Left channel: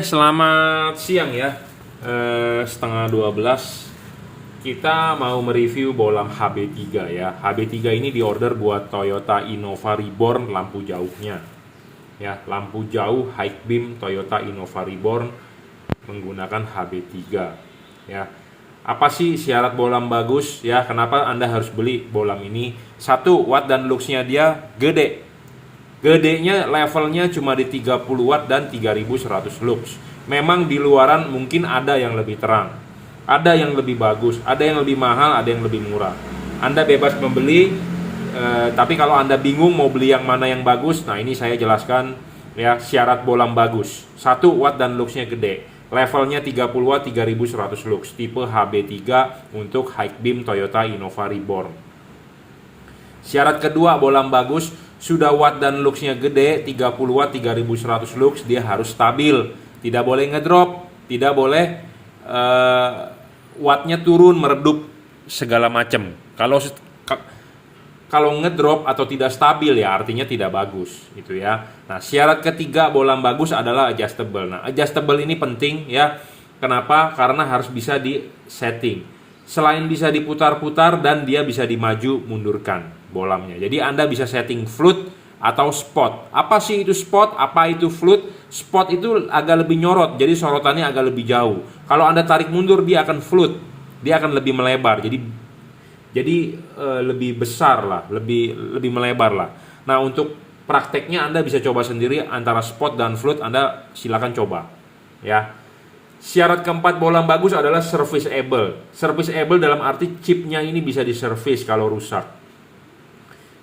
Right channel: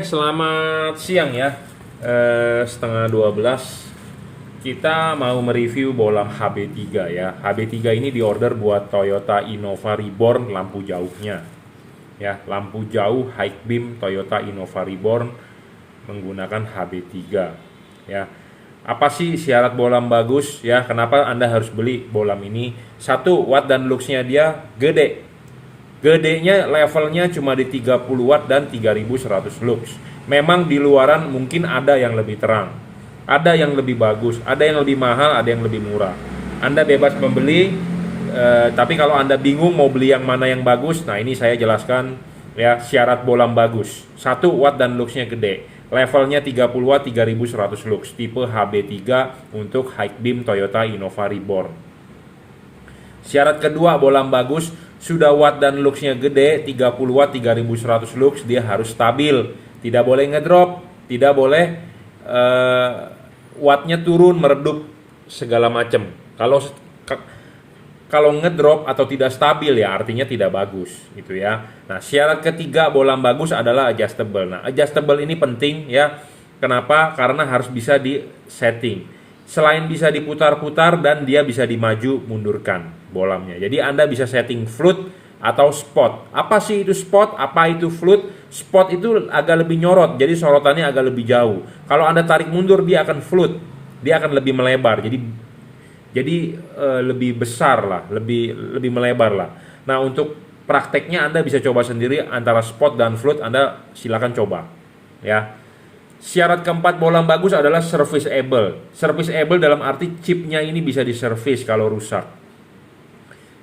Selamat siang ya. Setengah 12 kita mau mereview bolam HB3 ya. HB3 ini diorder buat Toyota Innova Reborn lampu jauhnya. Ya, lampu jauh high beam Toyota Innova Reborn menggunakan HB3 ya. Apa sih syarat bolam bagus ya? Kenapa Anda harus beli bolam ini? Satu, watt dan luxnya dia gede. Gedenya levelnya cuma di 30 watt dan 3100 lux. Memang di luaran mungkin ada yang lebih terang, ada yang lebih bagus, ada yang lebih mahal, ada yang lebih murah. Anda bebas membeli, tapi kalau Anda bingung mau beli yang mana yang bagus, nah ini saya jelaskan ya syarat bolam bagus. 1, watt dan luxnya gede. Levelnya 30 watt 3100 lux, tipe HB3 untuk high beam Toyota Innova Reborn. Syarat kedua bolam bagus, sudah watt dan luxnya gede 30 watt 3100 lux, dia harus stabil, tidak boleh ngedrop, tidak boleh wattnya turun meredup segala macam. Kalau ngedrop atau tidak stabil ya artinya tidak bagus gitu ya. Nah, syarat ketiga bolam bagus adalah adjustable. Nah, adjustable ini penting ya. Kenapa? Karena harus bisa di setting. Selain bisa diputar-putar dan dia bisa dimaju mundurkan bolamnya. Jadi Anda bisa setting float atau spot. Apa sih itu spot? Apa itu float? Spot itu agak lebih nyorot, jadi sorotannya agak lebih jauh. Kalau Anda tarik mundur dia akan float. Dia akan lebih melebar. Jadi lebih besar lah, lebih melebar lah. Nah, untuk prakteknya Anda bisa coba sendiri antara spot dan float, Anda silakan coba ya. Syarat keempat bolam bagus adalah serviceable. Serviceable dalam arti chipnya ini bisa diservis kalau rusak.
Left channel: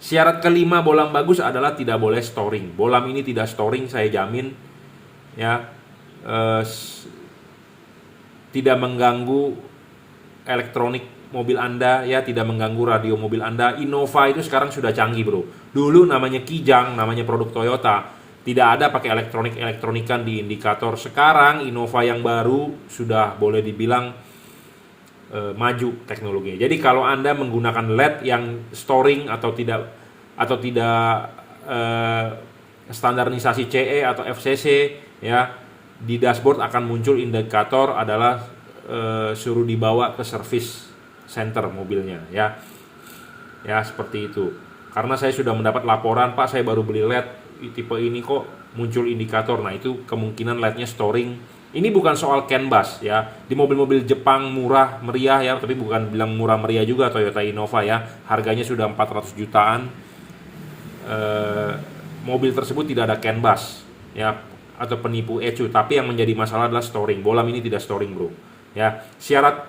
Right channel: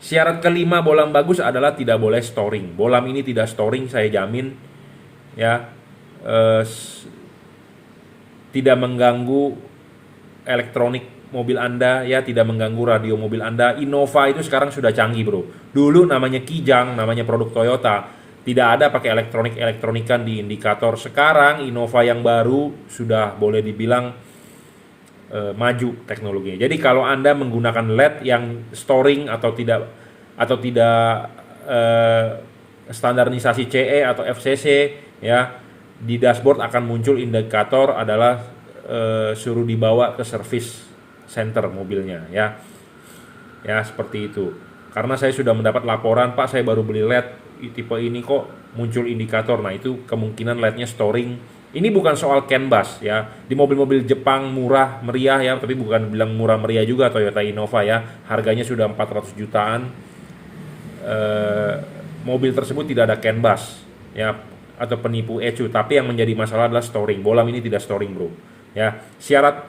Syarat kelima bolam bagus adalah tidak boleh storing. Bolam ini tidak storing, saya jamin ya. Tidak mengganggu elektronik mobil Anda ya, tidak mengganggu radio mobil Anda. Innova itu sekarang sudah canggih, bro. Dulu namanya Kijang, namanya produk Toyota. Tidak ada pakai elektronikan di indikator. Sekarang Innova yang baru sudah boleh dibilang maju teknologinya. Jadi kalau Anda menggunakan LED yang storing atau tidak standarisasi CE atau FCC ya, di dashboard akan muncul indikator adalah suruh dibawa ke service center mobilnya ya. Ya, seperti itu. Karena saya sudah mendapat laporan, Pak, saya baru beli LED tipe ini kok muncul indikator. Nah, itu kemungkinan LED-nya storing. Ini bukan soal CAN bus ya. Di mobil-mobil Jepang murah meriah ya, tapi bukan bilang murah meriah juga Toyota Innova ya. Harganya sudah 400 jutaan. Mobil tersebut tidak ada CAN bus ya, atau penipu ECU, tapi yang menjadi masalah adalah storing. Bolam ini tidak storing, bro. Ya, syarat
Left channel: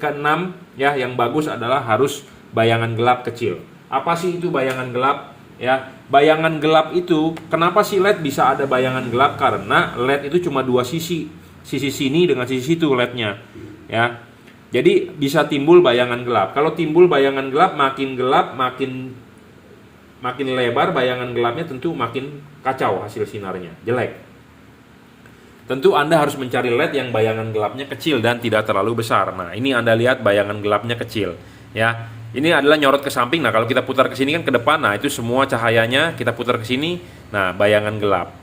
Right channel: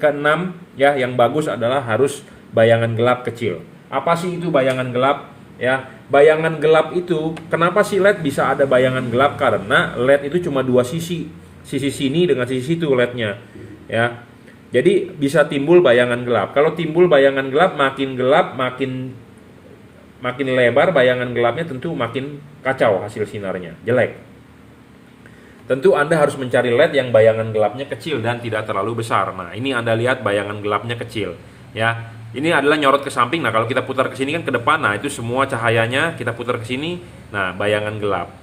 keenam ya yang bagus adalah harus bayangan gelap kecil. Apa sih itu bayangan gelap? Ya, bayangan gelap itu, kenapa sih LED bisa ada bayangan gelap? Karena LED itu cuma dua sisi sini dengan sisi situ LED-nya. Ya, jadi bisa timbul bayangan gelap. Kalau timbul bayangan gelap, makin lebar bayangan gelapnya, tentu makin kacau hasil sinarnya, jelek. Tentu Anda harus mencari LED yang bayangan gelapnya kecil dan tidak terlalu besar. Nah, ini Anda lihat bayangan gelapnya kecil ya. Ini adalah nyorot ke samping. Nah, kalau kita putar ke sini kan ke depan. Nah, itu semua cahayanya kita putar ke sini. Nah, bayangan gelap.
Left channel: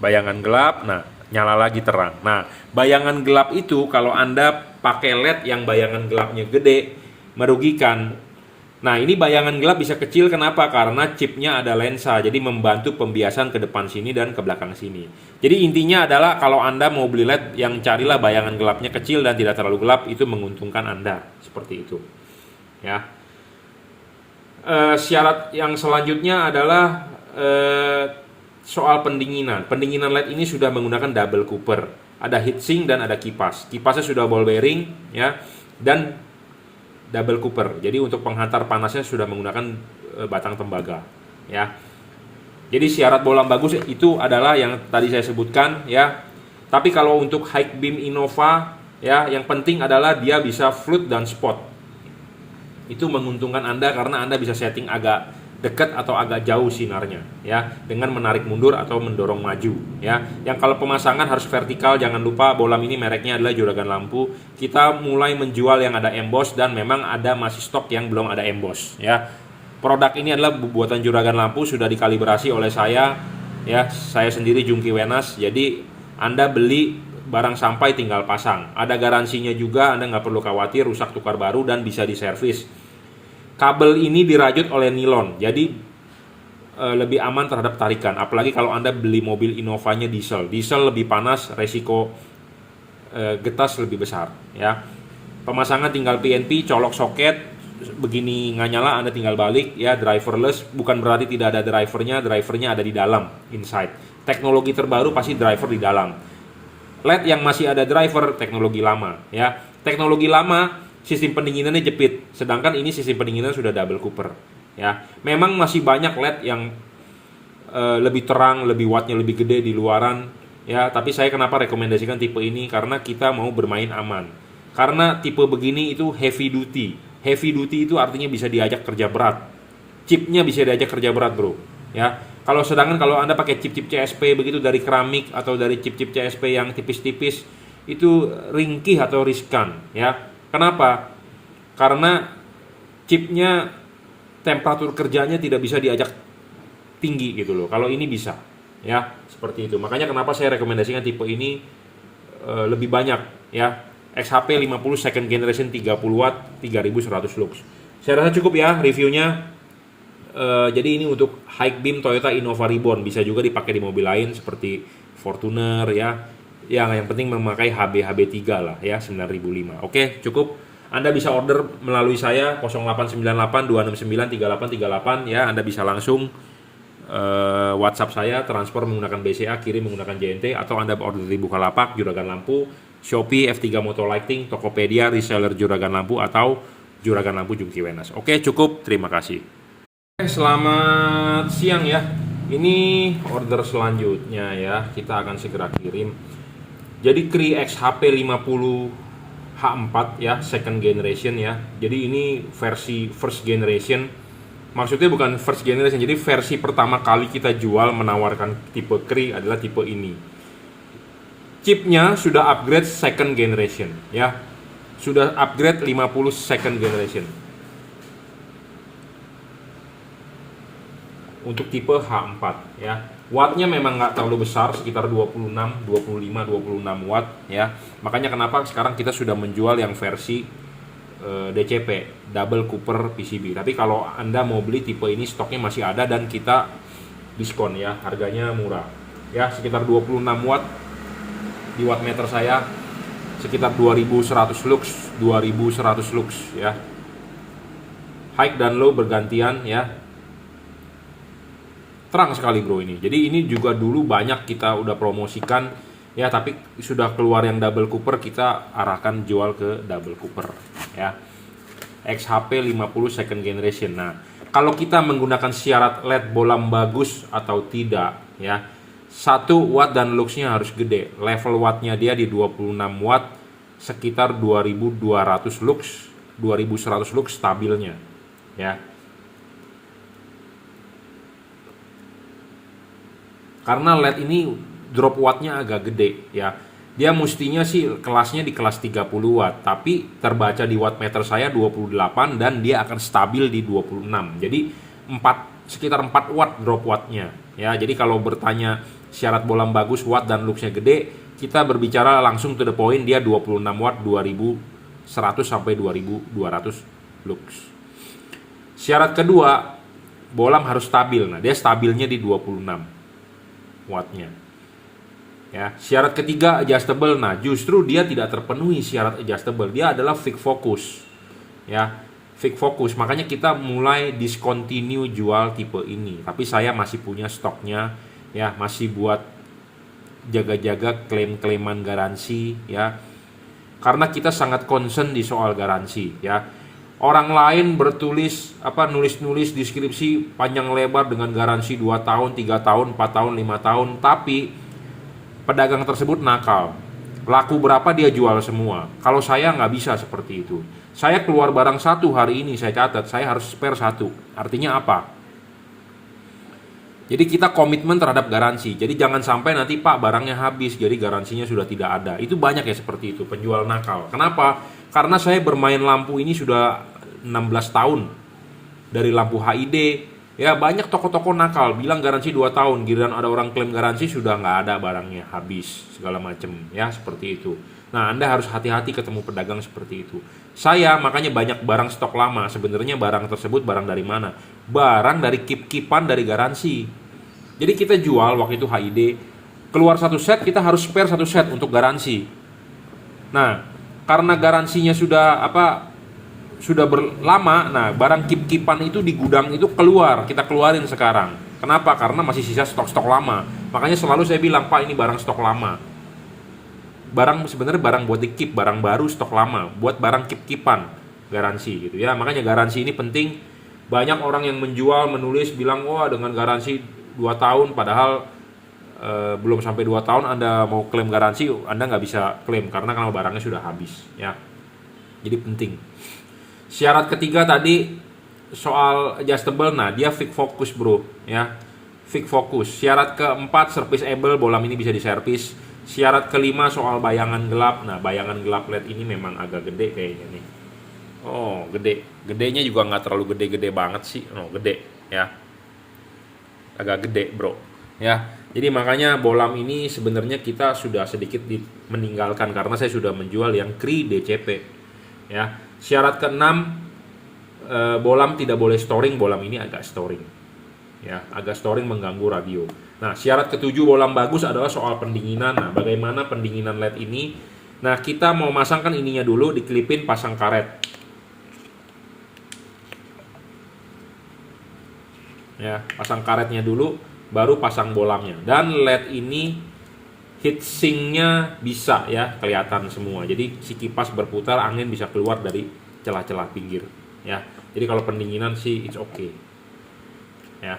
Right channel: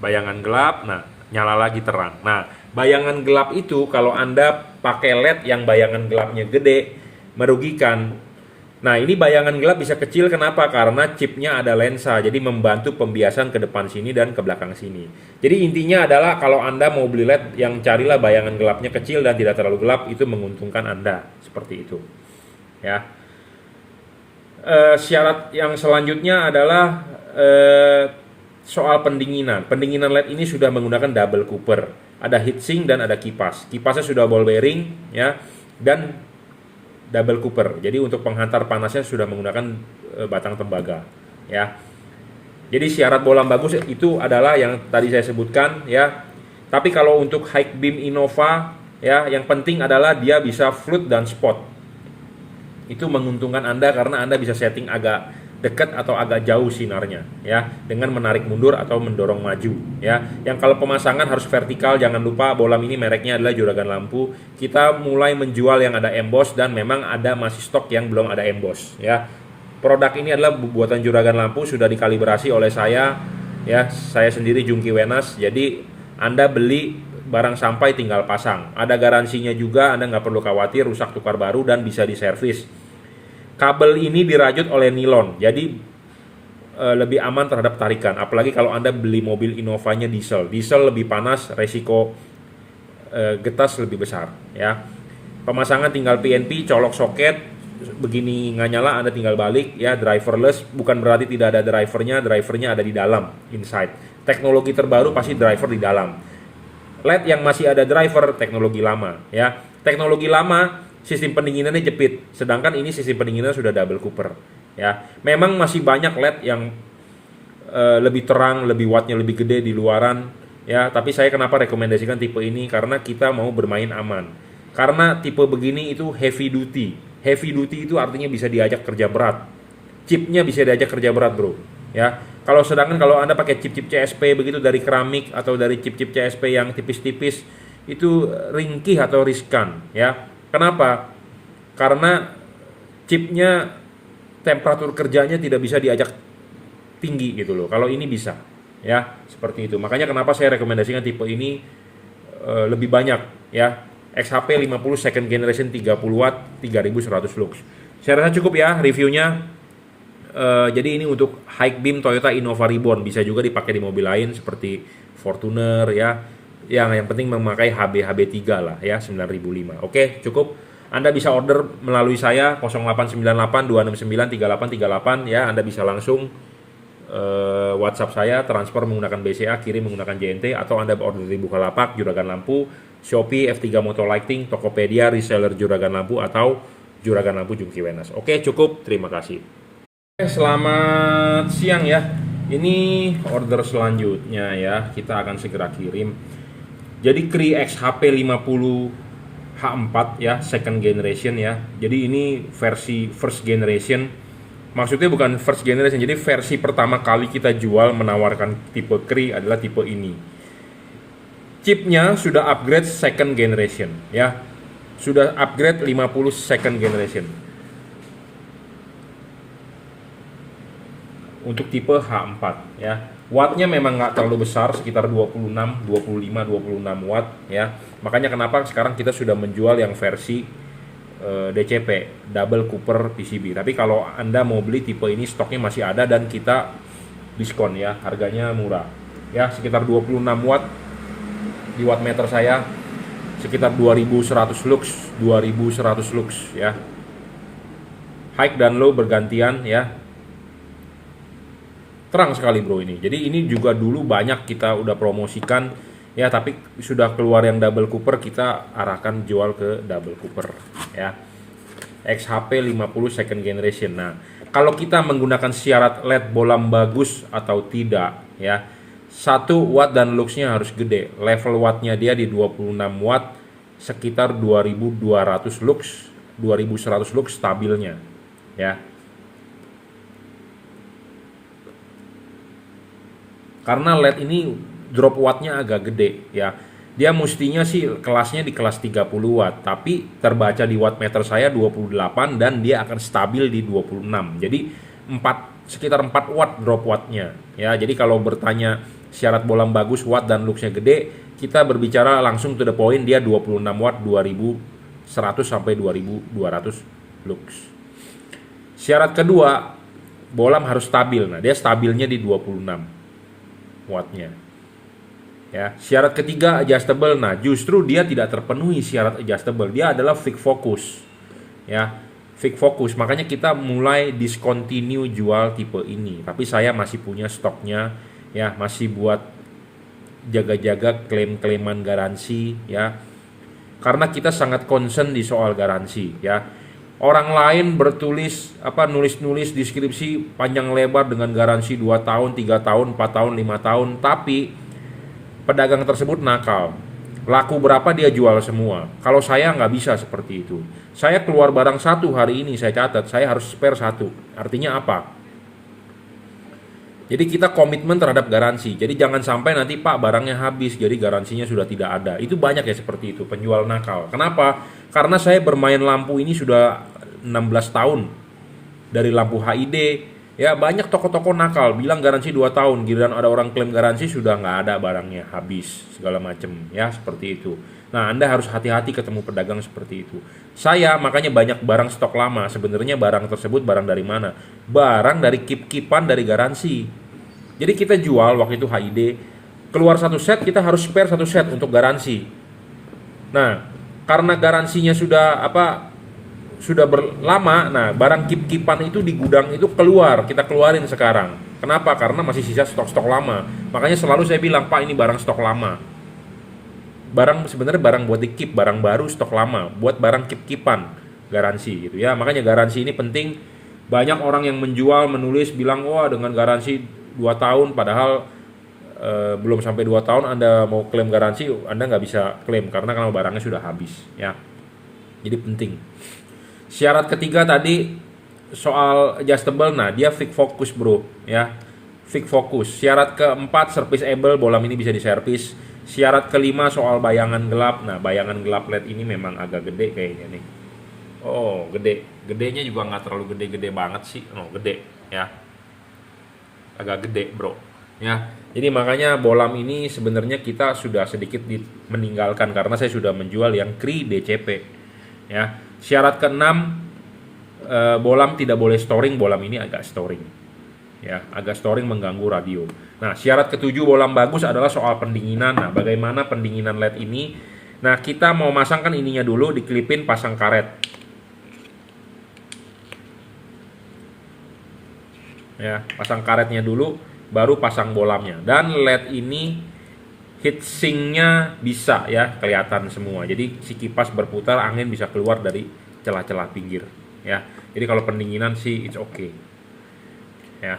Bayangan gelap, nah nyala lagi terang. Nah, bayangan gelap itu kalau Anda pakai LED yang bayangan gelapnya gede, merugikan. Nah, ini bayangan gelap bisa kecil, kenapa? Karena chipnya ada lensa, jadi membantu pembiasan ke depan sini dan ke belakang sini. Jadi intinya adalah kalau Anda mau beli LED, yang carilah bayangan gelapnya kecil dan tidak terlalu gelap, itu menguntungkan Anda. Seperti itu ya. Syarat yang selanjutnya adalah soal pendinginan. Pendinginan LED ini sudah menggunakan double cooper, ada heatsink dan ada kipas. Kipasnya sudah ball bearing ya, dan double cooper. Jadi untuk penghantar panasnya sudah menggunakan batang tembaga ya. Jadi syarat bolam bagus itu adalah yang tadi saya sebutkan ya. Tapi kalau untuk high beam Innova ya, yang penting adalah dia bisa float dan spot. Itu menguntungkan Anda karena Anda bisa setting agak dekat atau agak jauh sinarnya ya, dengan menarik mundur atau mendorong maju ya. Yang kalau pemasangan harus vertikal, jangan lupa bolam ini mereknya adalah Juragan Lampu. Kita mulai menjual yang ada emboss dan memang ada masih stok yang belum ada emboss ya. Produk ini adalah buatan Juragan Lampu, sudah dikalibrasi oleh saya ya. Saya sendiri Jungki Wenas, jadi Anda beli barang sampai tinggal pasang. Ada garansinya juga, Anda nggak perlu khawatir rusak tukar baru dan bisa diservis. Kabel ini dirajut oleh nilon, jadi lebih aman terhadap tarikan. Apalagi kalau Anda beli mobil Innovanya diesel. Diesel lebih panas, resiko getas lebih besar, ya. Pemasangan tinggal PNP, colok soket, begini nggak nyala Anda tinggal balik, ya. Driverless, bukan berarti tidak ada drivernya ada di dalam, inside. Teknologi terbaru pasti driver di dalam. LED yang masih ada driver, teknologi lama, ya. Teknologi lama, sistem pendinginannya jepit, sedangkan ini sistem pendinginannya sudah double cooper, ya. Memang masih banyak LED yang lebih terang, lebih wattnya lebih gede di luaran, ya. Tapi saya kenapa rekomendasikan tipe ini, karena kita mau bermain aman. Karena tipe begini itu heavy duty. Heavy duty itu artinya bisa diajak kerja berat. Chipnya bisa diajak kerja berat, bro, ya. Kalau Anda pakai chip-chip CSP begitu dari keramik atau dari chip-chip CSP yang tipis-tipis, itu ringkih atau riskan, ya. Kenapa? Karena chipnya temperatur kerjanya tidak bisa diajak tinggi gitu loh. Kalau ini bisa, ya, seperti itu. Makanya kenapa saya rekomendasikan tipe ini lebih banyak, ya. XHP 50 second generation 30 watt 3100 lux. Saya rasa cukup ya reviewnya. Jadi ini untuk high beam Toyota Innova Reborn, bisa juga dipakai di mobil lain seperti Fortuner, ya. Yang penting memakai HB3 lah, ya, 9005. Oke, cukup. Anda bisa order melalui saya 0898 269 3838, ya. Anda bisa langsung WhatsApp saya, transfer menggunakan BCA, kirim menggunakan JNT, atau Anda order di Bukalapak, Juragan Lampu, Shopee, F3 Motor Lighting, Tokopedia, reseller Juragan Lampu, atau Juragan Lampu Jungki Wenas. Oke, cukup. Terima kasih. Selamat siang ya. Ini order selanjutnya ya. Kita akan segera kirim. Jadi Cree XHP 50 H4 ya, second generation ya. Jadi ini versi first generation. Maksudnya bukan first generation. Jadi versi pertama kali kita jual menawarkan tipe Cree adalah tipe ini. Chipnya sudah upgrade second generation ya. Sudah upgrade 50 second generation. Untuk tipe H4 ya. Wattnya memang nggak terlalu besar, sekitar 26 watt ya. Makanya kenapa sekarang kita sudah menjual yang versi DCP, double cooper PCB. Tapi kalau Anda mau beli tipe ini, stoknya masih ada dan kita diskon ya, harganya murah. Ya, sekitar 26 watt di wattmeter saya, sekitar 2100 lux, 2100 lux ya. High dan low bergantian ya. Terang sekali bro ini. Jadi ini juga dulu banyak kita udah promosikan ya, tapi sudah keluar yang double cooper, kita arahkan jual ke double cooper ya. XHP 50 second generation. Nah, kalau kita menggunakan syarat LED bolam bagus atau tidak ya, 1 watt dan luxnya harus gede. Level wattnya dia di 26 watt, sekitar 2200 lux, 2100 lux stabilnya ya. Karena LED ini drop wattnya agak gede ya. Dia mestinya sih kelasnya di kelas 30 watt, tapi terbaca di wattmeter saya 28 dan dia akan stabil di 26. Jadi sekitar 4 watt drop wattnya ya. Jadi kalau bertanya syarat bolam bagus, watt dan luxnya gede, kita berbicara langsung to the point, dia 26 watt 2100 sampai 2200 lux. Syarat kedua, bolam harus stabil. Nah, dia stabilnya di 26 wattnya ya. Syarat ketiga adjustable. Nah, justru dia tidak terpenuhi syarat adjustable, dia adalah fixed focus ya, fixed focus. Makanya kita mulai discontinue jual tipe ini, tapi saya masih punya stoknya ya, masih buat jaga-jaga klaim-klaiman garansi ya, karena kita sangat concern di soal garansi ya. Orang lain bertulis nulis-nulis deskripsi panjang lebar dengan garansi 2 tahun, 3 tahun, 4 tahun, 5 tahun, tapi pedagang tersebut nakal. Laku berapa dia jual semua. Kalau saya nggak bisa seperti itu. Saya keluar barang satu hari ini, saya catat, saya harus spare satu. Artinya apa? Jadi kita komitmen terhadap garansi. Jadi jangan sampai nanti Pak barangnya habis, jadi garansinya sudah tidak ada. Itu banyak ya seperti itu, penjual nakal. Kenapa? Karena saya bermain lampu ini sudah 16 tahun. Dari lampu HID, Ya banyak toko-toko nakal bilang garansi 2 tahun, giliran ada orang klaim garansi sudah nggak ada barangnya, habis segala macam ya seperti itu. Nah Anda harus hati-hati ketemu pedagang seperti itu. Saya makanya banyak barang stok lama. Sebenarnya barang tersebut barang dari mana? Barang dari kip-kipan dari garansi. Jadi kita jual waktu itu HID, keluar satu set kita harus spare satu set untuk garansi. Nah karena garansinya sudah berlama, nah barang kip-kipan itu di gudang itu kita keluarin sekarang. Kenapa? Karena masih sisa stok-stok lama. Makanya selalu saya bilang, Pak ini barang stok lama. Sebenarnya barang buat dikip, barang baru stok lama, buat barang kip-kipan garansi gitu ya. Makanya garansi ini penting. Banyak orang yang menjual, menulis bilang, wah dengan garansi 2 tahun, padahal belum sampai 2 tahun Anda mau klaim garansi, Anda nggak bisa klaim karena barangnya sudah habis ya. Jadi penting. Syarat ketiga tadi soal adjustable, nah dia fix focus bro ya, fix focus. Syarat keempat serviceable, bolam ini bisa diservis. Syarat kelima soal bayangan gelap, nah bayangan gelap LED ini memang agak gede kayaknya nih. Oh gedenya juga nggak terlalu gede-gede banget sih, gede ya, agak gede bro ya. Jadi makanya bolam ini sebenarnya kita sudah sedikit meninggalkan karena saya sudah menjual yang Cree DCP ya. Syarat keenam, bolam tidak boleh storing. Bolam ini agak storing ya, agak storing mengganggu radio. Nah syarat ketujuh bolam bagus adalah soal pendinginan. Nah bagaimana pendinginan LED ini? Nah kita mau masangkan ininya dulu, dikelipin, pasang karet ya, pasang karetnya dulu baru pasang bolamnya. Dan LED ini heatsinknya bisa ya kelihatan semua, jadi si kipas berputar, angin bisa keluar dari celah-celah pinggir ya. Jadi kalau pendinginan sih it's okay ya,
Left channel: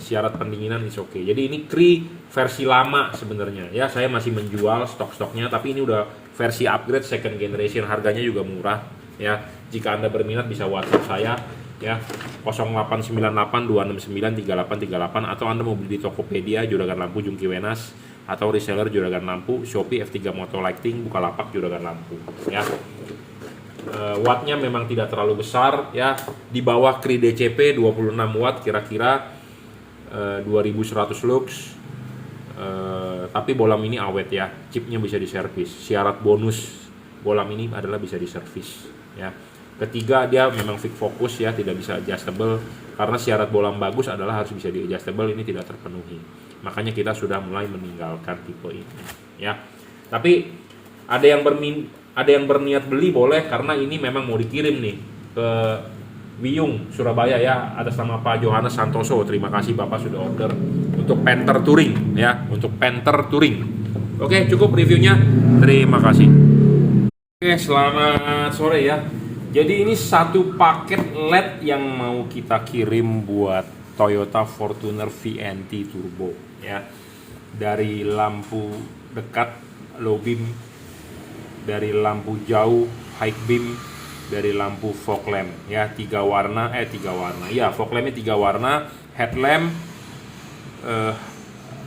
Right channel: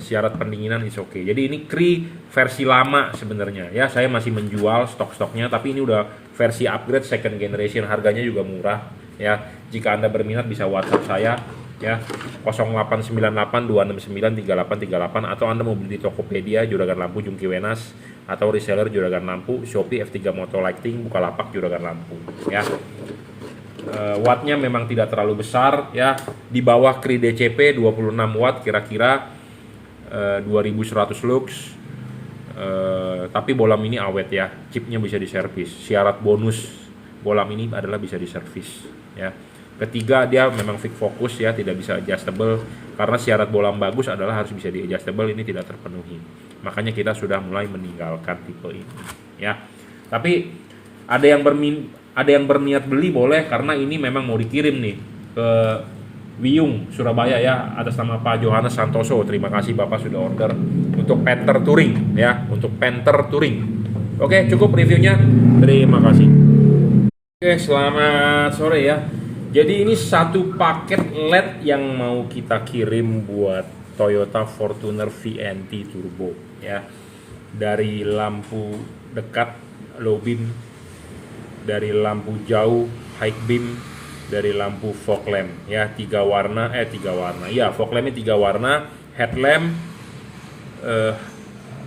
syarat pendinginan it's okay. Jadi ini Cree versi lama sebenarnya ya, saya masih menjual stok-stoknya, tapi ini udah versi upgrade second generation, harganya juga murah ya. Jika Anda berminat bisa WhatsApp saya ya, 0898-269-3838, atau Anda mau beli di Tokopedia, Juragan Lampu Jungki Wenas, atau reseller Juragan Lampu, Shopee F3 Moto Lighting, Bukalapak Juragan Lampu ya. Wattnya memang tidak terlalu besar ya, di bawah Cree DCP 26 watt kira-kira, 2100 lux, tapi bolam ini awet ya, chipnya bisa diservis. Syarat bonus bolam ini adalah bisa diservis ya. Ketiga, dia memang fix fokus ya, tidak bisa adjustable, karena syarat bolam bagus adalah harus bisa di adjustable, ini tidak terpenuhi. Makanya kita sudah mulai meninggalkan tipe ini ya. Tapi ada yang berniat beli boleh, karena ini memang mau dikirim nih ke Wiyung Surabaya ya, atas nama Pak Johannes Santoso. Terima kasih Bapak sudah order untuk Panther Touring ya, untuk Panther Touring. Oke, cukup reviewnya. Terima kasih. Oke, selamat sore ya. Jadi ini satu paket LED yang mau kita kirim buat Toyota Fortuner VNT Turbo ya. Dari lampu dekat low beam, dari lampu jauh high beam, dari lampu fog lamp ya, tiga warna ya, fog lampnya 3 warna, headlamp,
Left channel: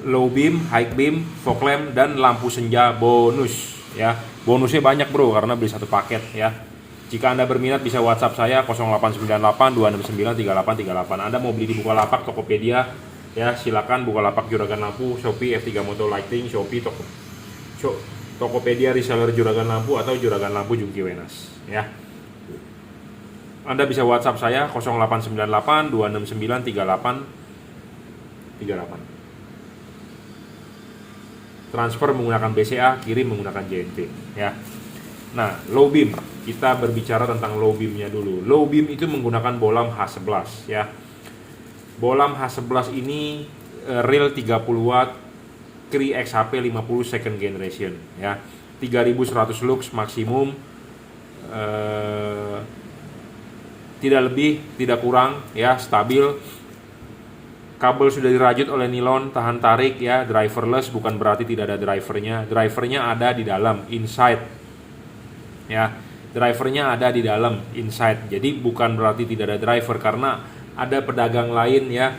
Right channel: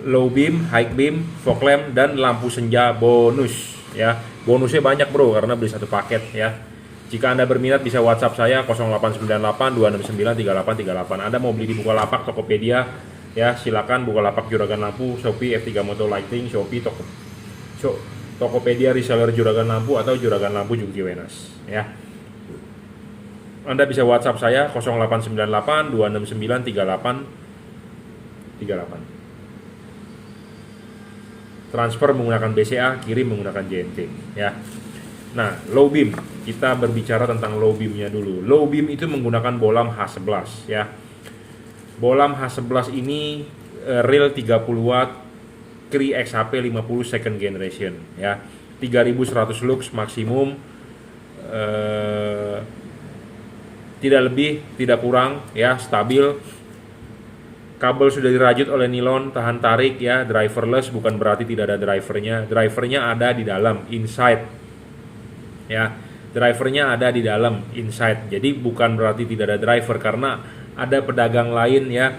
low beam, high beam, fog lamp, dan lampu senja bonus ya. Bonusnya banyak bro karena beli satu paket ya. Jika Anda berminat bisa WhatsApp saya 0898-269-3838. Anda mau beli di Bukalapak, Tokopedia ya, silakan. Bukalapak Juragan Lampu, Shopee F3 Moto Lighting, Shopee Tokopedia reseller Juragan Lampu, atau Juragan Lampu Jungki Wenas ya. Anda bisa WhatsApp saya 0898-269-3838. Transfer menggunakan BCA, kirim menggunakan JNT ya. Nah, low beam, kita berbicara tentang low beamnya dulu. Low beam itu menggunakan bolam H11 ya. Bolam H11 ini real 30 watt, Cree XHP 50 second generation ya. 3100 lux maksimum, tidak lebih, tidak kurang ya, stabil. Kabel sudah dirajut oleh nilon, tahan tarik ya, driverless, bukan berarti tidak ada drivernya. Drivernya ada di dalam, inside ya, drivernya ada di dalam inside. Jadi bukan berarti tidak ada driver, karena ada pedagang lain ya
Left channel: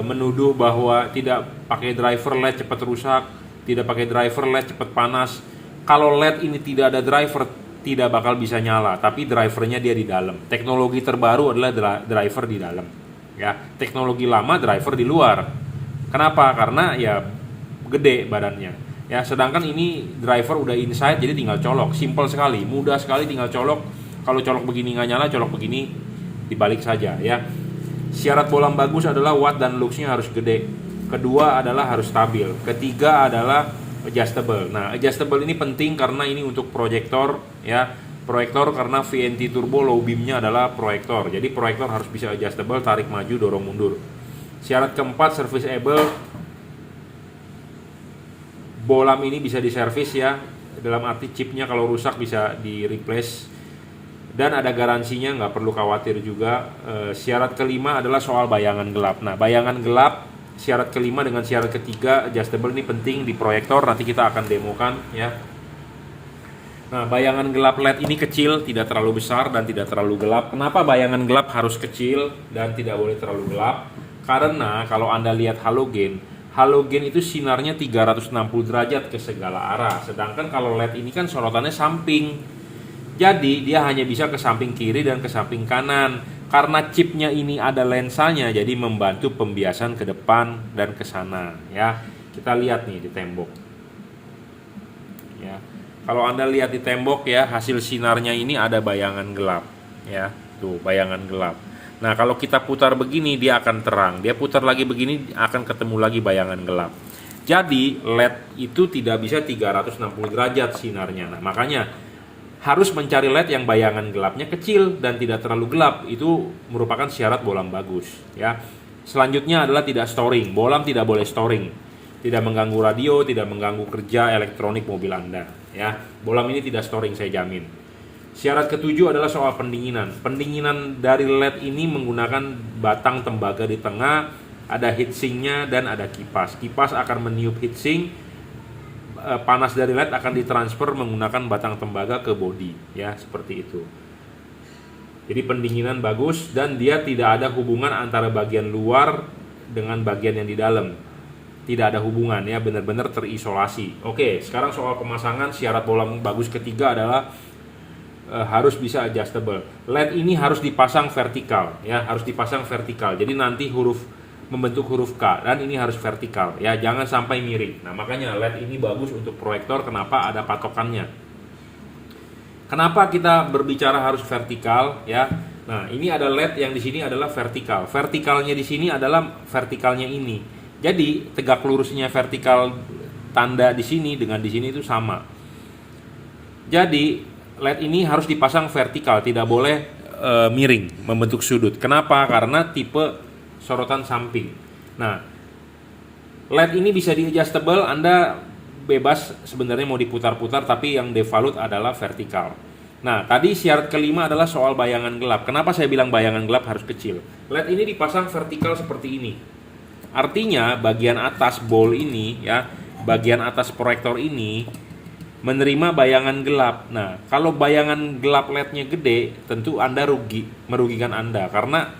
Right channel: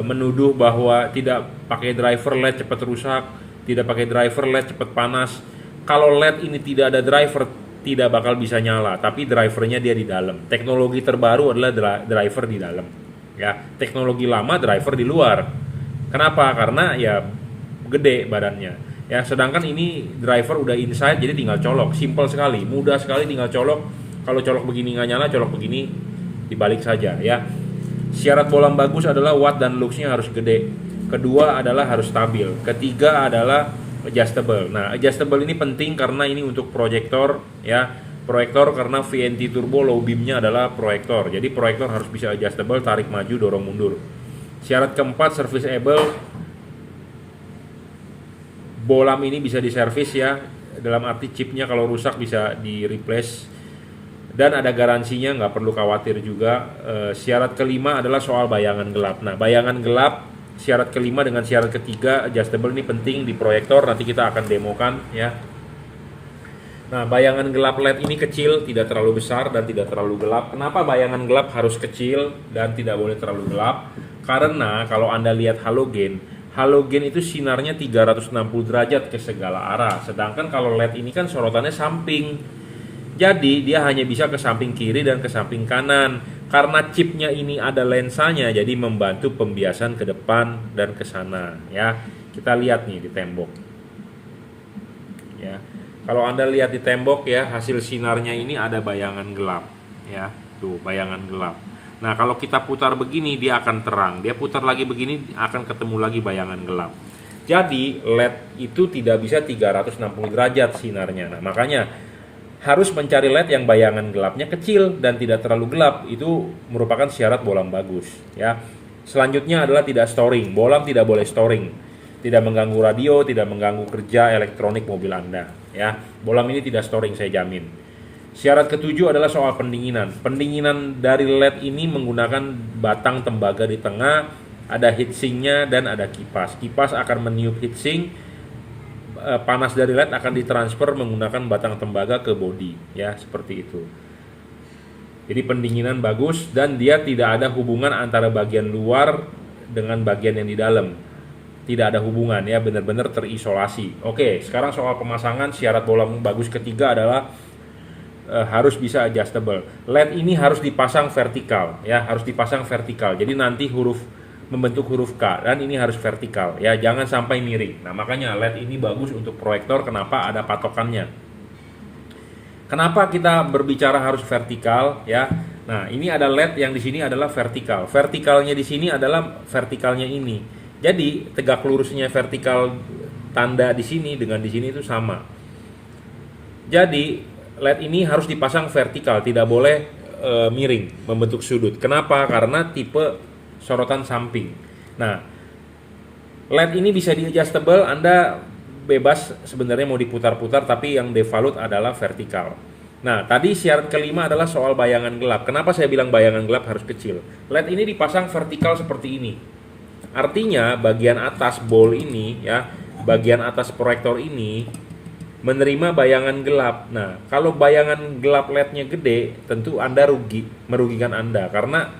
menuduh bahwa tidak pakai driver LED cepat rusak, tidak pakai driver LED cepat panas. Kalau LED ini tidak ada driver, tidak bakal bisa nyala, tapi drivernya dia di dalam. Teknologi terbaru adalah driver di dalam ya. Teknologi lama driver di luar. Kenapa? Karena ya gede badannya. Ya, sedangkan ini driver udah inside jadi tinggal colok, simple sekali, mudah sekali tinggal colok. Kalau colok begini nggak nyala, colok begini dibalik saja ya. Syarat bolam bagus adalah watt dan luxnya harus gede. Kedua adalah harus stabil. Ketiga adalah adjustable. Nah, adjustable ini penting karena ini untuk proyektor ya. Proyektor karena VNT turbo low beamnya adalah proyektor. Jadi proyektor harus bisa adjustable, tarik maju, dorong mundur. Syarat keempat serviceable. Bolam ini bisa diservis ya. Dalam arti chipnya kalau rusak bisa di replace. Dan ada garansinya, nggak perlu khawatir juga. Syarat kelima adalah soal bayangan gelap. Nah, bayangan gelap, syarat kelima dengan syarat ketiga adjustable ini penting di proyektor. Nanti kita akan demokan ya. Nah, bayangan gelap LED ini kecil, tidak terlalu besar dan tidak terlalu gelap. Kenapa bayangan gelap harus kecil dan tidak boleh terlalu gelap? Karena kalau Anda lihat halogen itu sinarnya 360 derajat ke segala arah. Sedangkan kalau LED ini kan sorotannya samping. Jadi dia hanya bisa ke samping kiri dan ke samping kanan. Karena chipnya ini ada lensanya, jadi membantu pembiasan ke depan dan ke sana ya. Kita lihat nih di tembok. Ya. Kalau Anda lihat di tembok ya, hasil sinarnya ini ada bayangan gelap ya. Tuh, bayangan gelap. Nah, kalau kita putar begini dia akan terang. Dia putar lagi begini akan ketemu lagi bayangan gelap. Jadi LED itu tidak bisa 360 derajat sinarnya. Nah, makanya harus mencari LED yang bayangan gelapnya kecil dan tidak terlalu gelap. Itu merupakan syarat bolam bagus ya. Selanjutnya adalah tidak storing. Bolam tidak boleh storing. Tidak mengganggu radio, tidak mengganggu kerja elektronik mobil Anda ya. Bolam ini tidak storing, saya jamin. Syarat ketujuh adalah soal pendinginan. Pendinginan dari LED ini menggunakan batang tembaga di tengah, ada heatsinknya dan ada kipas. Kipas akan meniup heatsink. Panas dari LED akan ditransfer menggunakan batang tembaga ke bodi ya, seperti itu. Jadi pendinginan bagus dan dia tidak ada hubungan antara bagian luar dengan bagian yang di dalam. Tidak ada hubungan ya, benar-benar terisolasi. Oke, sekarang soal pemasangan. Syarat bolam bagus ketiga adalah harus bisa adjustable. LED ini harus dipasang vertikal ya, harus dipasang vertikal. Jadi nanti membentuk huruf K dan ini harus vertikal ya, jangan sampai miring. Nah, makanya LED ini bagus untuk proyektor. Kenapa? Ada patokannya. Kenapa kita berbicara harus vertikal ya? Nah, ini ada LED yang di sini adalah vertikal. Vertikalnya di sini adalah vertikalnya ini. Jadi tegak lurusnya vertikal tanda di sini dengan di sini itu sama. Jadi LED ini harus dipasang vertikal, tidak boleh miring membentuk sudut. Kenapa? Karena tipe sorotan samping. Nah, LED ini bisa di adjustable. Anda bebas sebenarnya mau diputar-putar, tapi yang default adalah vertikal. Nah, tadi syarat kelima adalah soal bayangan gelap. Kenapa saya bilang bayangan gelap harus kecil? LED ini dipasang vertikal seperti ini. Artinya bagian atas bol ini ya, bagian atas proyektor ini menerima bayangan gelap. Nah, kalau bayangan gelap LED-nya gede, tentu Anda merugikan Anda karena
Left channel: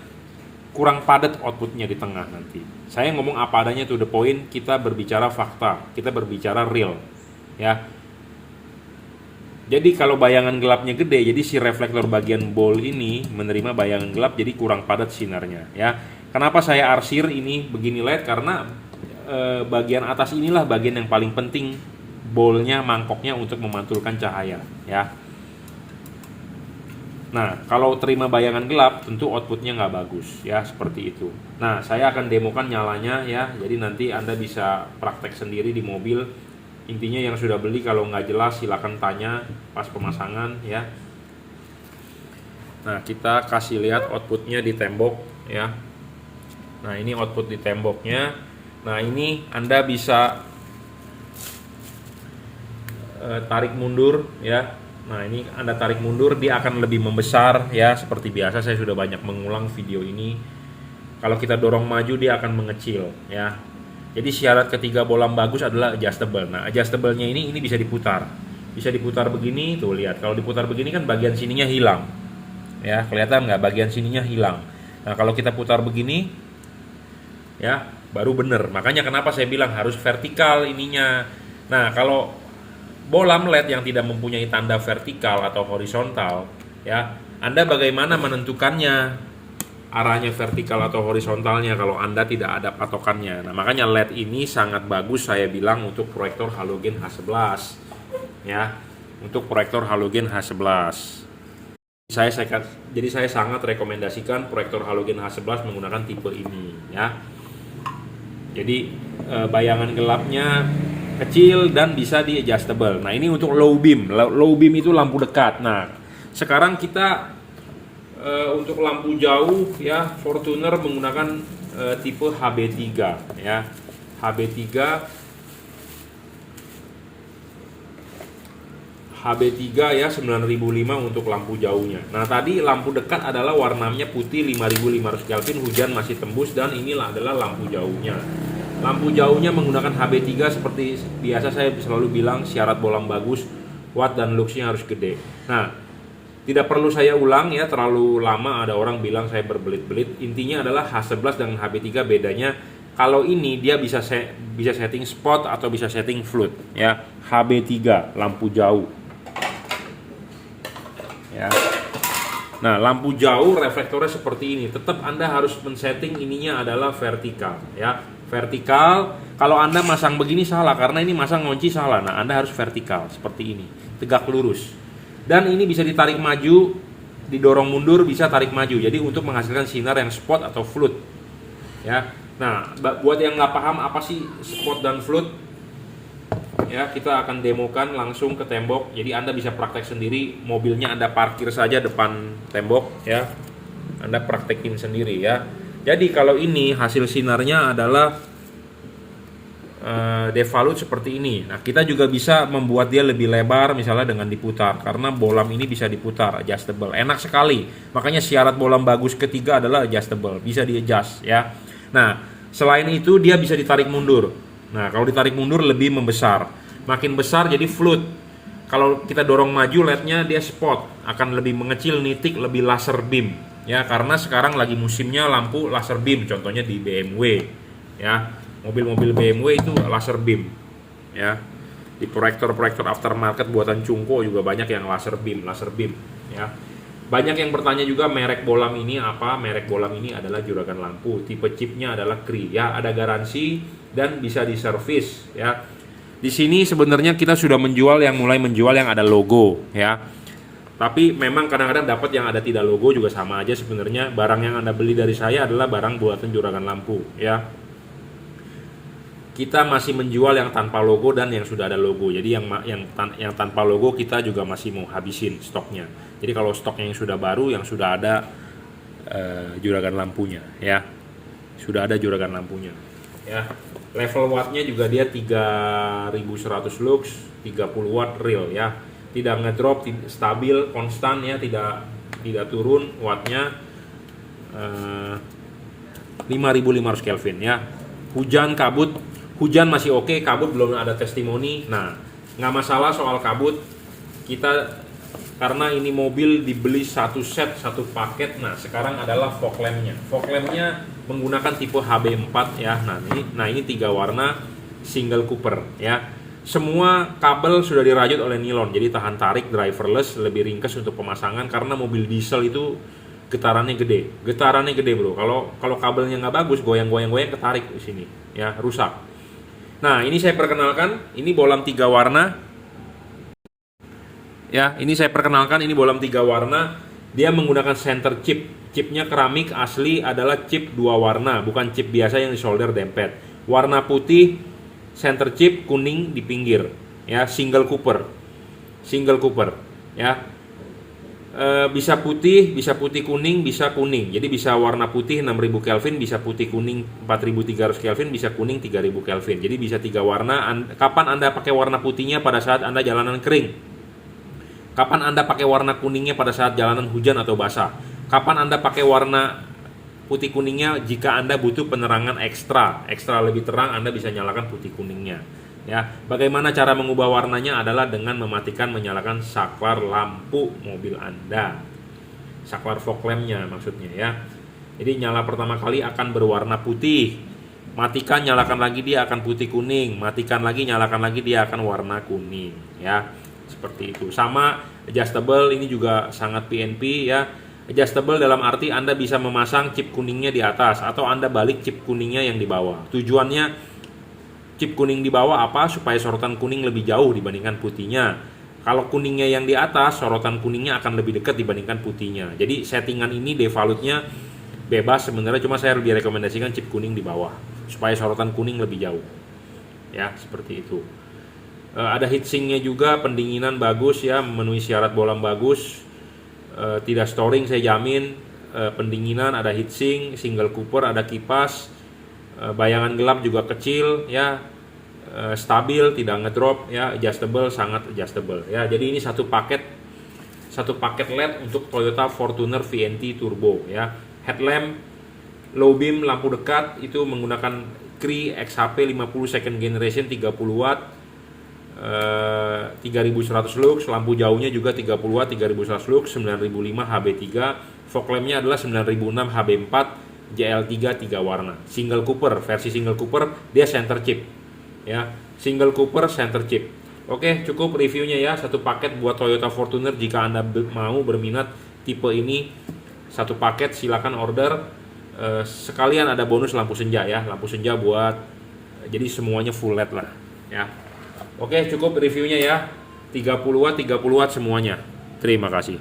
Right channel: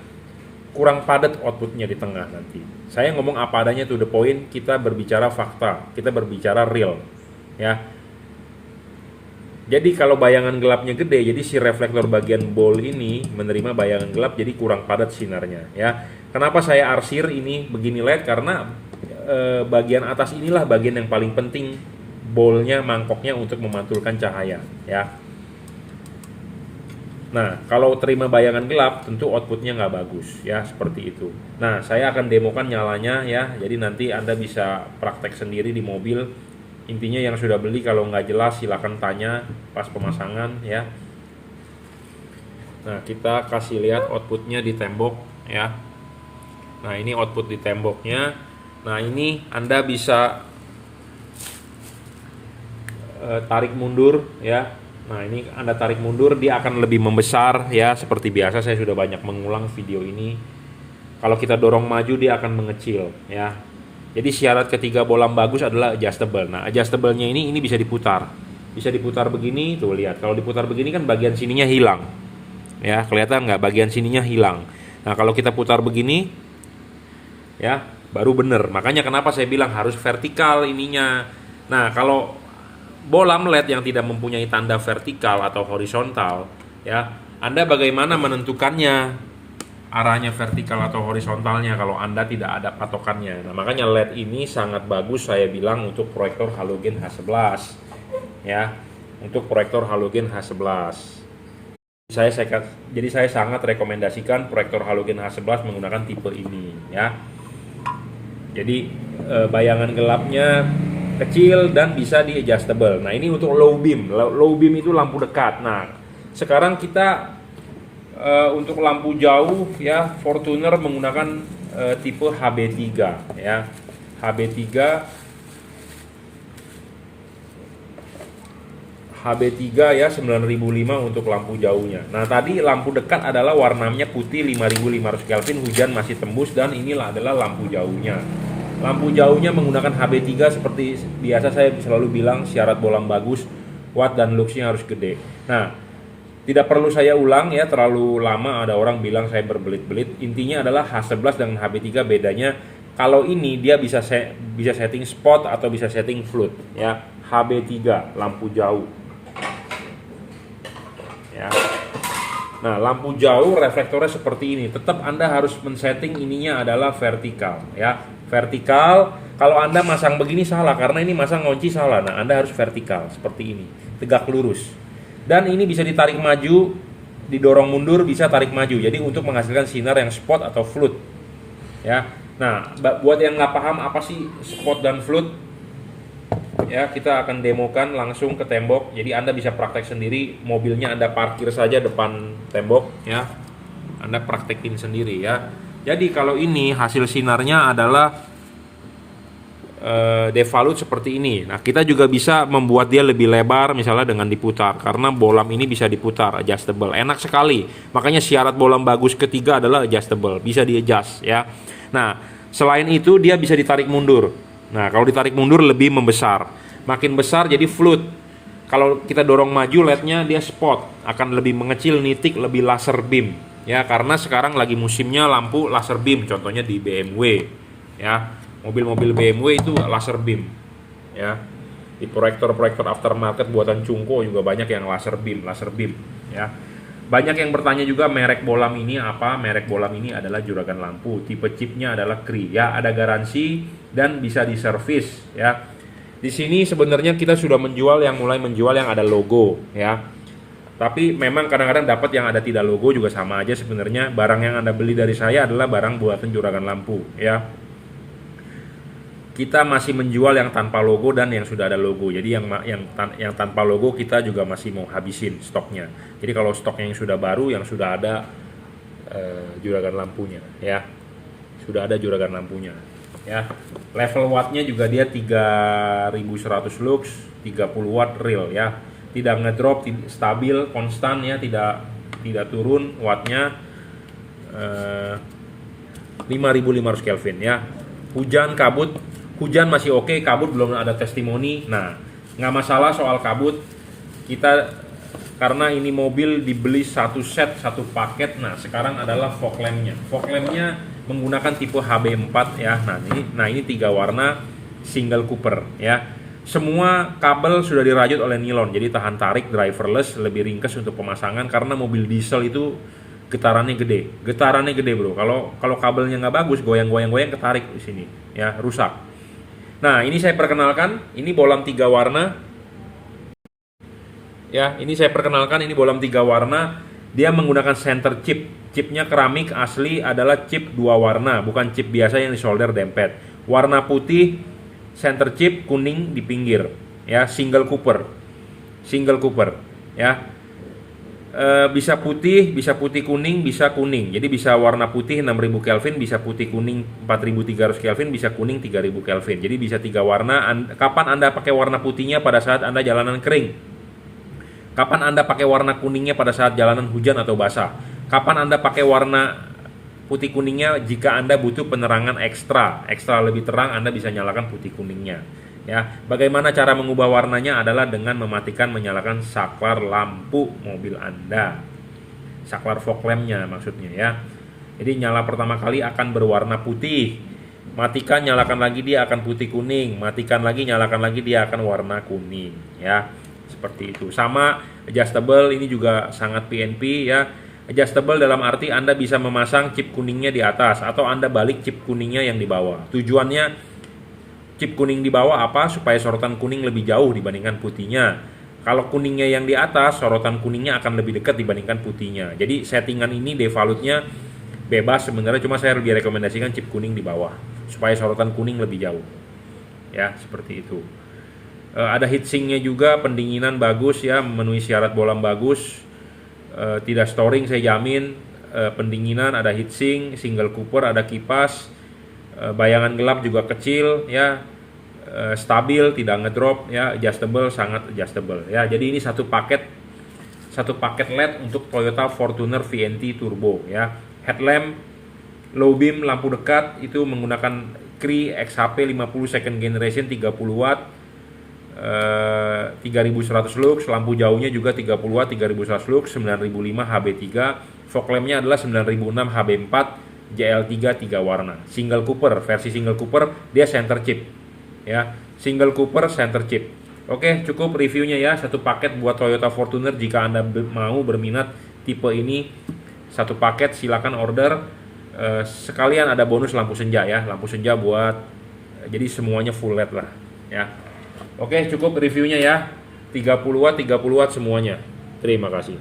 kurang padat outputnya di tengah nanti. Saya ngomong apa adanya, to the point. Kita berbicara fakta, kita berbicara real ya. Jadi kalau bayangan gelapnya gede, jadi si reflektor bagian bol ini menerima bayangan gelap, jadi kurang padat sinarnya ya. Kenapa saya arsir ini begini LED? Karena bagian atas inilah bagian yang paling penting, bolnya, mangkoknya untuk memantulkan cahaya ya. Nah, kalau terima bayangan gelap tentu outputnya nggak bagus ya, seperti itu. Nah, saya akan demokan nyalanya ya, jadi nanti Anda bisa praktek sendiri di mobil. Intinya yang sudah beli kalau nggak jelas silakan tanya pas pemasangan ya. Nah, kita kasih lihat outputnya di tembok ya. Nah, ini output di temboknya. Nah, ini Anda bisa tarik mundur ya. Nah, ini Anda tarik mundur, dia akan lebih membesar ya. Seperti biasa saya sudah banyak mengulang video ini. Kalau kita dorong maju dia akan mengecil ya. Jadi syarat ketiga bolam bagus adalah adjustable. Nah, adjustable-nya ini bisa diputar. Bisa diputar begini, tuh lihat. Kalau diputar begini kan bagian sininya hilang. Ya, kelihatan nggak? Bagian sininya hilang. Nah, kalau kita putar begini ya, baru bener. Makanya kenapa saya bilang harus vertikal ininya. Nah, kalau bolam LED yang tidak mempunyai tanda vertikal atau horizontal ya, Anda bagaimana menentukannya? arahnya vertikal atau horizontalnya kalau Anda tidak ada patokannya. Nah, makanya LED ini sangat bagus saya bilang untuk proyektor halogen H11 ya, untuk proyektor halogen H11. Jadi saya sangat rekomendasikan proyektor halogen H11 menggunakan tipe ini ya. Jadi bayangan gelapnya kecil dan bisa di adjustable. Nah, ini untuk low beam. Low beam itu lampu dekat. Nah, sekarang kita untuk lampu jauh ya, Fortuner menggunakan tipe HB3 ya. HB3 ya 9005 untuk lampu jauhnya. Nah, tadi lampu dekat adalah warnanya putih 5500 Kelvin, hujan masih tembus, dan inilah adalah lampu jauhnya. Lampu jauhnya menggunakan HB3 seperti biasa saya selalu bilang, syarat bolam bagus, watt dan luxnya harus gede. Nah, tidak perlu saya ulang ya, terlalu lama ada orang bilang saya berbelit-belit. Intinya adalah H11 dengan HB3 bedanya, kalau ini dia bisa setting spot atau bisa setting flood ya. HB3 lampu jauh. Ya. Nah, lampu jauh reflektornya seperti ini. Tetap Anda harus men-setting ininya adalah vertikal ya. Vertikal, kalau Anda masang begini salah karena ini masang ngunci salah. Nah, Anda harus vertikal seperti ini, tegak lurus. Dan ini bisa ditarik maju, didorong mundur, bisa tarik maju. Jadi untuk menghasilkan sinar yang spot atau flood. Ya. Nah, buat yang nggak paham apa sih spot dan flood, ya kita akan demokan langsung ke tembok. Jadi Anda bisa praktek sendiri, mobilnya Anda parkir saja depan tembok ya, Anda praktekin sendiri ya. Jadi kalau ini hasil sinarnya adalah devolute seperti ini. Nah, kita juga bisa membuat dia lebih lebar misalnya dengan diputar, karena bolam ini bisa diputar, adjustable, enak sekali. Makanya syarat bolam bagus ketiga adalah adjustable, bisa di adjust ya. Nah, selain itu dia bisa ditarik mundur. Nah, kalau ditarik mundur lebih membesar. Makin besar jadi flood. Kalau kita dorong maju LED-nya dia spot, akan lebih mengecil, nitik, lebih laser beam. Ya, karena sekarang lagi musimnya lampu laser beam, contohnya di BMW. Ya, mobil-mobil BMW itu laser beam. Ya. Di proyektor-proyektor aftermarket buatan Cungko juga banyak yang laser beam, ya. Banyak yang bertanya juga merek bolam ini apa? Merek bolam ini adalah juragan lampu. Tipe chipnya adalah Cree ya, ada garansi dan bisa diservis ya. Di sini sebenarnya kita sudah mulai menjual yang ada logo ya. Tapi memang kadang-kadang dapat yang ada tidak logo juga sama aja sebenarnya. Barang yang Anda beli dari saya adalah barang buatan juragan lampu ya. Kita masih menjual yang tanpa logo dan yang sudah ada logo. Jadi yang tanpa logo kita juga masih mau habisin stoknya. Jadi kalau stoknya yang sudah baru, yang sudah ada juragan lampunya ya. Sudah ada juragan lampunya ya. Level wattnya juga dia 3100 lux, 30 watt real ya. Tidak ngedrop, stabil, konstan ya, tidak turun wattnya. 5500 Kelvin ya. Hujan, kabut, hujan masih oke, kabut belum ada testimoni. Nah, nggak masalah soal kabut. Kita karena ini mobil dibeli satu set, satu paket. Nah, sekarang adalah fog lampnya. Fog lampnya menggunakan tipe HB4 ya. Nah ini 3 warna single Cooper ya. Semua kabel sudah dirajut oleh nilon, jadi tahan tarik, driverless, lebih ringkas untuk pemasangan karena mobil diesel itu getarannya gede bro. Kalau kabelnya nggak bagus, goyang ketarik di sini ya, rusak. Nah, ini saya perkenalkan, ini bolam 3 warna ya. Ini saya perkenalkan, ini bolam 3 warna. Dia menggunakan center chipnya keramik asli, adalah chip 2 warna, bukan chip biasa yang disolder dempet. Warna putih center chip, kuning di pinggir ya, single Cooper ya. Bisa putih kuning, bisa kuning. Jadi bisa warna putih 6000 Kelvin, bisa putih kuning 4300 Kelvin, bisa kuning 3000 Kelvin. Jadi bisa 3 warna. Kapan Anda pakai warna putihnya? Pada saat Anda jalanan kering. Kapan Anda pakai warna kuningnya? Pada saat jalanan hujan atau basah. Kapan Anda pakai warna putih kuningnya? Jika Anda butuh penerangan ekstra lebih terang, Anda bisa nyalakan putih kuningnya ya. Bagaimana cara mengubah warnanya? Adalah dengan mematikan, menyalakan saklar lampu mobil Anda, saklar fog lampnya maksudnya ya. Jadi nyala pertama kali akan berwarna putih, matikan, nyalakan lagi dia akan putih kuning, matikan lagi, nyalakan lagi dia akan warna kuning ya. Seperti itu. Sama adjustable, ini juga sangat PNP ya. Adjustable dalam arti Anda bisa memasang chip kuningnya di atas atau Anda balik chip kuningnya yang di bawah. Tujuannya chip kuning di bawah apa? Supaya sorotan kuning lebih jauh dibandingkan putihnya. Kalau kuningnya yang di atas, sorotan kuningnya akan lebih dekat dibandingkan putihnya. Jadi settingan ini defaultnya bebas sebenarnya, cuma saya lebih rekomendasikan chip kuning di bawah supaya sorotan kuning lebih jauh. Ya, seperti itu. Ada heatsinknya juga, pendinginan bagus ya, memenuhi syarat bolam bagus. Tidak storing saya jamin. Pendinginan ada heatsink, single cooper, ada kipas, bayangan gelap juga kecil ya, stabil, tidak ngedrop ya, adjustable, sangat adjustable ya. Jadi ini satu paket LED untuk Toyota Fortuner VNT Turbo ya. Headlamp low beam, lampu dekat itu menggunakan Cree XHP 50 second generation 30 watt, 3100 lux. Lampu jauhnya juga 30 watt 3100 lux, 9005 HB3. Fog lampnya adalah 9006 HB4 JL3 3 warna. Single cooper, versi single cooper dia center chip ya, single cooper center chip. Oke, cukup reviewnya ya, satu paket buat Toyota Fortuner. Jika Anda mau berminat tipe ini, satu paket silakan order. Sekalian ada bonus lampu senja ya, lampu senja buat, jadi semuanya full LED lah ya. Oke, cukup reviewnya ya. 30 watt semuanya. Terima kasih.